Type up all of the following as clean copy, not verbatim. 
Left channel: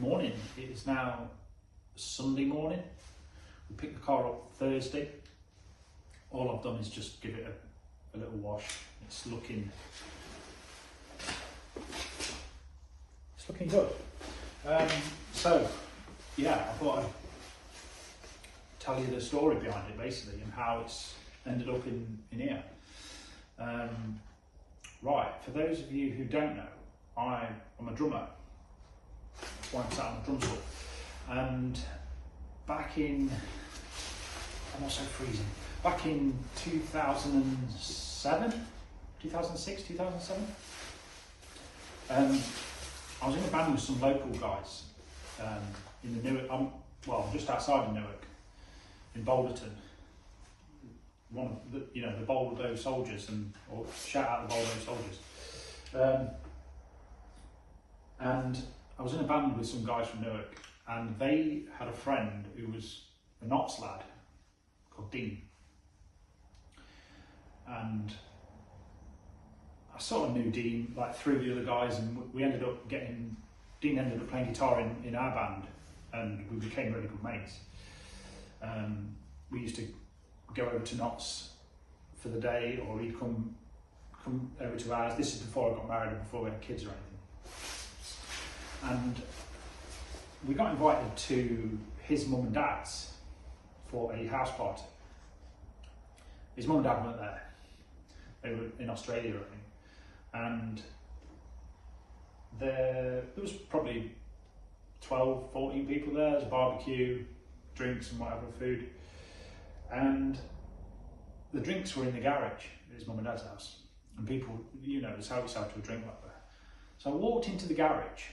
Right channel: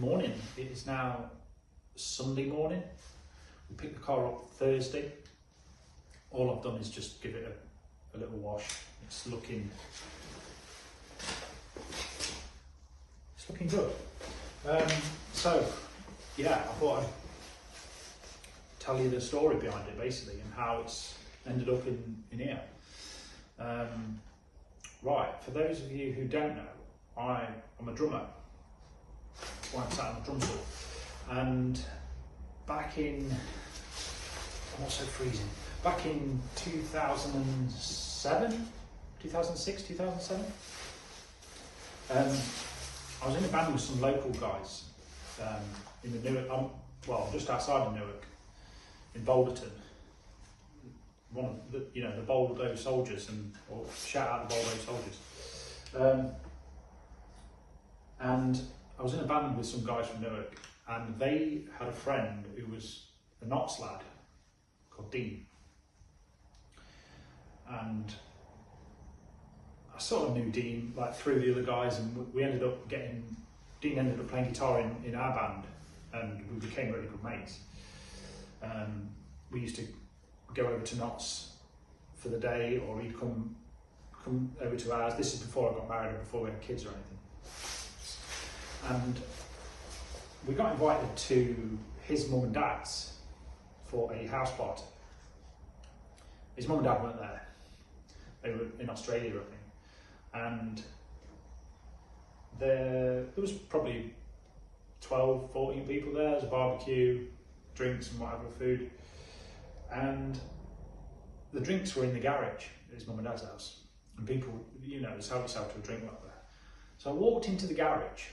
Morning. It is now Sunday morning. We picked the car up Thursday. All I've done is just give it a little wash. It's looking good. So yeah, I thought I'd tell you the story behind it basically and how it's ended up in here. Right, for those of you who don't know, I'm a drummer. That's why I'm sat on the drum stool. And back in, I'm also freezing, back in 2007, 2006, 2007, I was in a band with some local guys in the Newark, just outside of Newark, in Boulderton. One of the, the Boldo Soldiers, or shout out the Boldo Soldiers. And I was in a band with some guys from Newark, and they had a friend who was a Knots lad called Dean. And I sort of knew Dean like through the other guys, and we ended up Dean ended up playing guitar in our band, and we became really good mates. We used to go over to Knots for the day, or he'd come over to ours. This is before I got married and before we had kids or anything. And we got invited to his mum and dad's for a house party. His mum and dad weren't there. They were in Australia, I think. And there was probably 12, 14 people there. There was a barbecue, drinks and whatever, food. And the drinks were in the garage at his mum and dad's house. And people, just help yourself to a drink, whatever. So I walked into the garage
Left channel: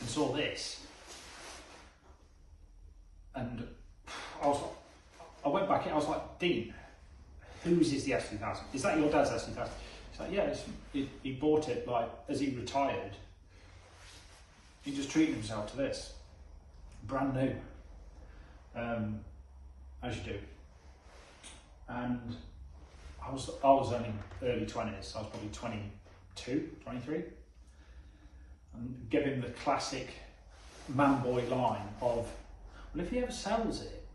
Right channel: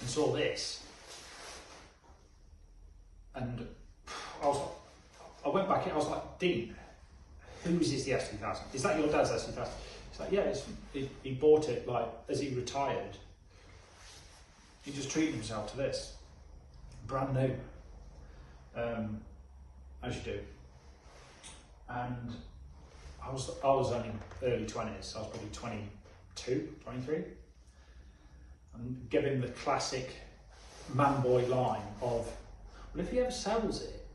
and saw this. And I went back in, I was like, Dean, whose is the s2000? Is that your dad's s2000? He's like, yeah, he bought it like as he retired. He just treated himself to this. Brand new. As you do. And I was only early 20s, I was probably 22, 23. And give him the classic man boy line of, well, if he ever sells it,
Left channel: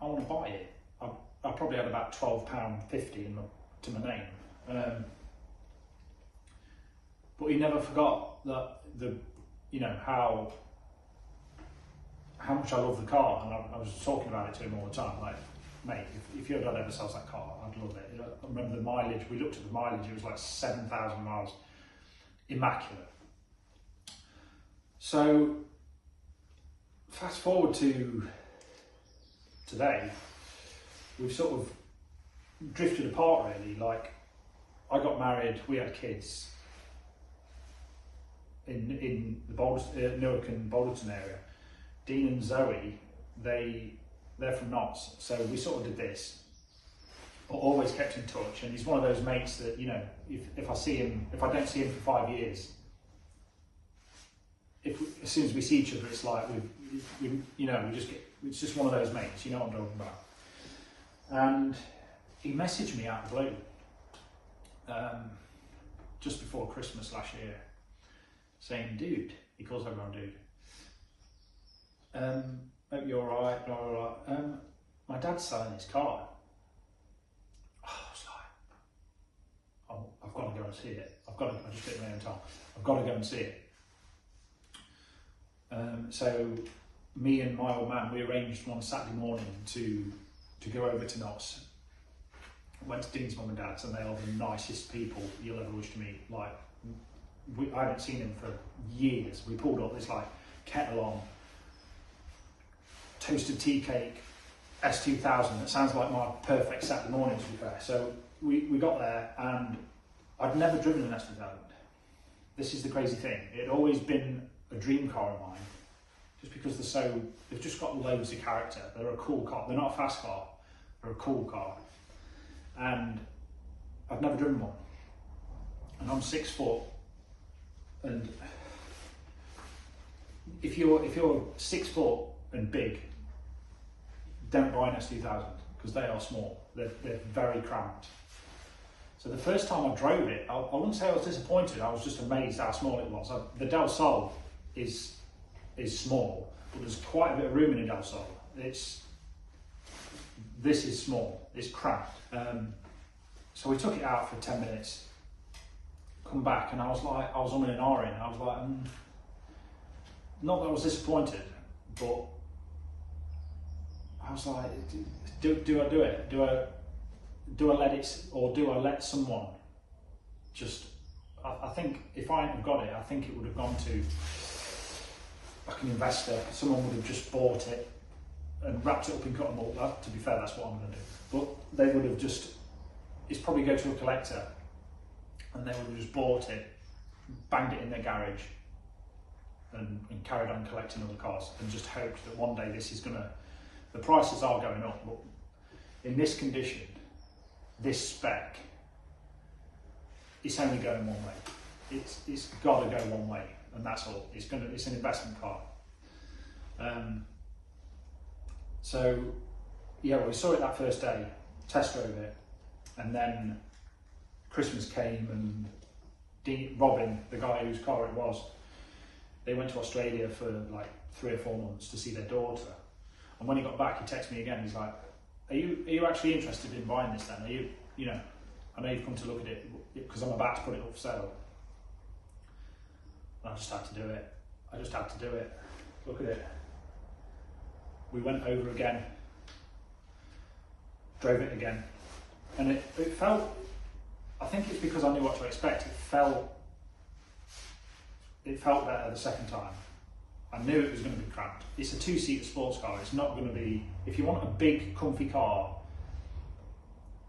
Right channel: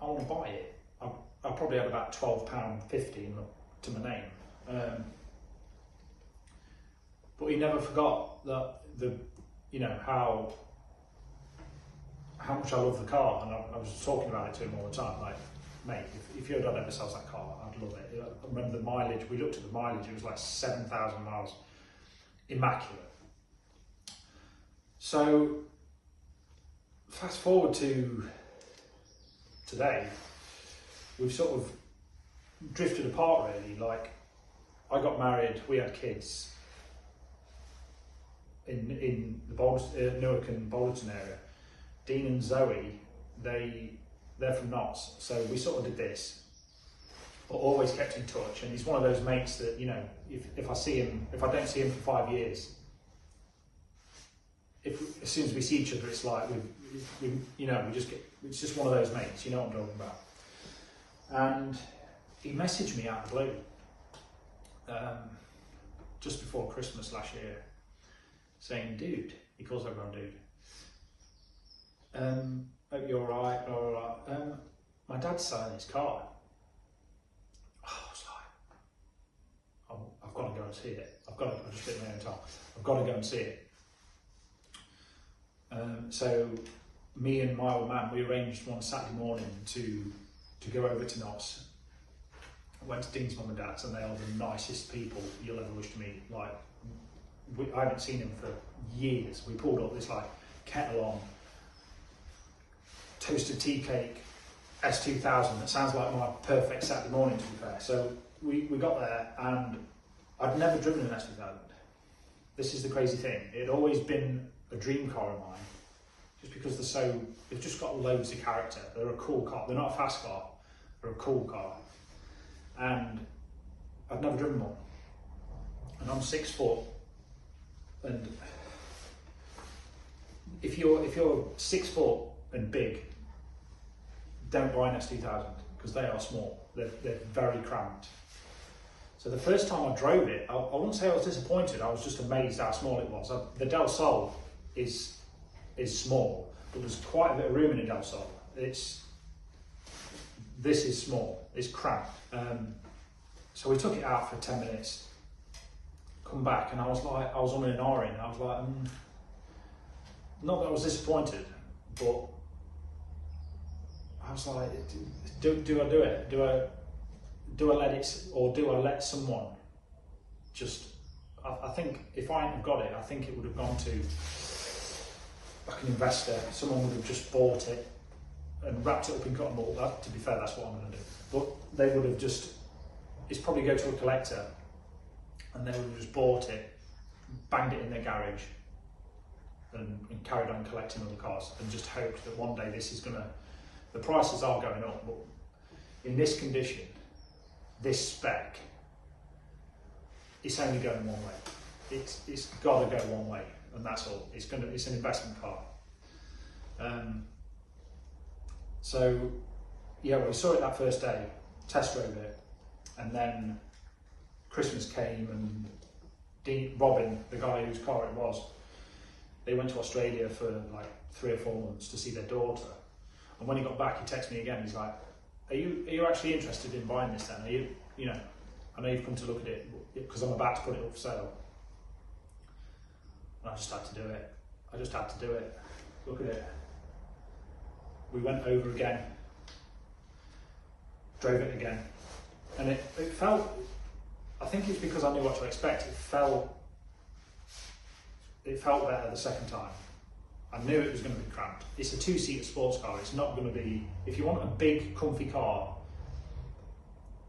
I want to buy it. I probably had about £12.50 to my name. But he never forgot that how much I love the car, and I was talking about it to him all the time, like, mate, if your dad ever sells that car, I'd love it. I remember the mileage, we looked at the mileage, it was like 7,000 miles, immaculate. So, fast forward to today, we've sort of drifted apart really. Like, I got married, we had kids in the Newark and Boulderton area. Dean and Zoe, they're from Knots, so we sort of did this, but always kept in touch. And he's one of those mates that, if I see him, if I don't see him for 5 years, as soon as we see each other, it's like it's just one of those mates, you know what I'm talking about. And he messaged me out of the blue, just before Christmas last year, saying, dude, he calls everyone dude. Hope you're alright, blah, blah, blah. My dad's selling his car. I was like, I've got to go and see it. I just bit my own tongue. I've got to go and see it. So me and my old man, we arranged one Saturday morning to go over to Knots. I went to Dean's mum and dad's, and they are the nicest people you'll ever wish to meet. Like, I haven't seen them for years. We pulled up this like kettle on, toasted tea cake, s2000. It sounds like my perfect Saturday morning, to be fair. So we got there, and I'd never driven an s2000. This is the crazy thing. It had always been a dream car of mine, just because they've just got loads of character. They're a cool car. They're not a fast car. They're a cool car. And I've never driven one. And I'm 6 foot. And if you're 6 foot and big, don't buy an s2000 because they are small. They're very cramped. So the first time I drove it, I wouldn't say I was disappointed, I was just amazed how small it was. The Del Sol is small, but there's quite a bit of room in a Del Sol. This is small, it's cramped. So we took it out for 10 minutes, come back, and I was on an R-in. I was like, not that I was disappointed, but I was like, do I do it? Do I let it, or do I let someone just, I think if I hadn't have got it, I think it would have gone to like an investor. Someone would have just bought it and wrapped it up in cotton ball. To be fair, that's what I'm going to do. But they would have just, it's probably go to a collector and they would have just bought it, banged it in their garage and carried on collecting other cars and just hoped that one day this is going to, the prices are going up, but in this condition, this spec, it's only going one way. It's got to go one way, and that's all. It's an investment car. So yeah, we saw it that first day, test drove it, and then Christmas came and Robin, the guy whose car it was, they went to Australia for like 3 or 4 months to see their daughter. And when he got back, he texted me again. He's like, "Are you actually interested in buying this then? Are you know, I know you've come to look at it because I'm about to put it up for sale." And I just had to do it. I just had to do it. Look at it. We went over again, drove it again, and it felt, I think it's because I knew what to expect, it felt better the second time. I knew it was going to be cramped. It's a 2-seater sports car. It's not going to be, if you want a big, comfy car,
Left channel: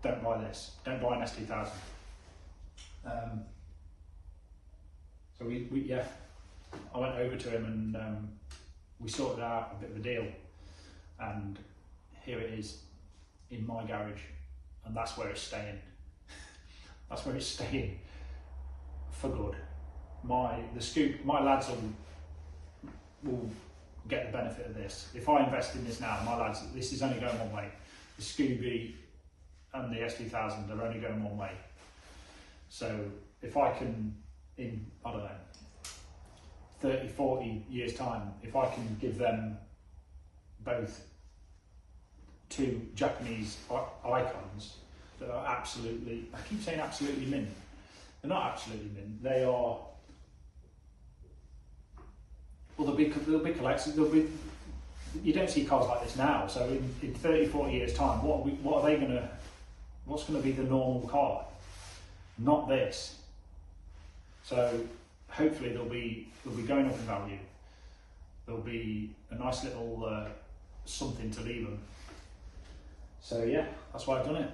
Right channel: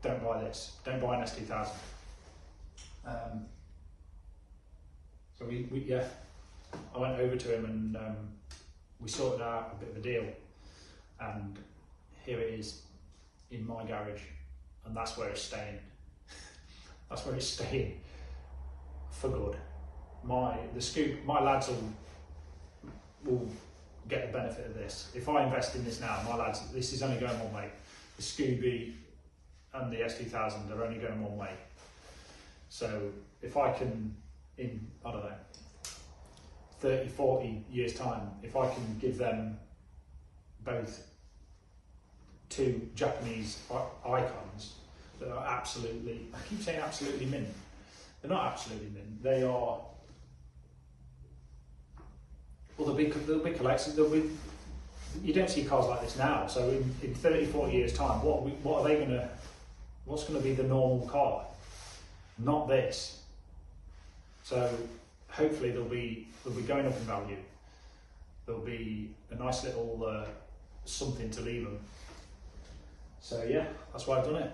don't buy this. Don't buy an s2000. So yeah, I went over to him and we sorted out a bit of a deal. And here it is in my garage, and that's where it's staying. That's where it's staying for good. My lads will get the benefit of this. If I invest in this now, my lads, this is only going one way. The Scooby and the s2000 are only going one way. So if I can, in, I don't know, 30, 40 years time, if I can give them both 2 Japanese icons that are absolutely, I keep saying absolutely mint. They're not absolutely mint, they are, well, they'll be collectors. You don't see cars like this now. So in 30, 40 years time, what's going to be the normal car? Not this. So hopefully they'll be going up in value. There'll be a nice little something to leave them. So yeah, that's why I've done it.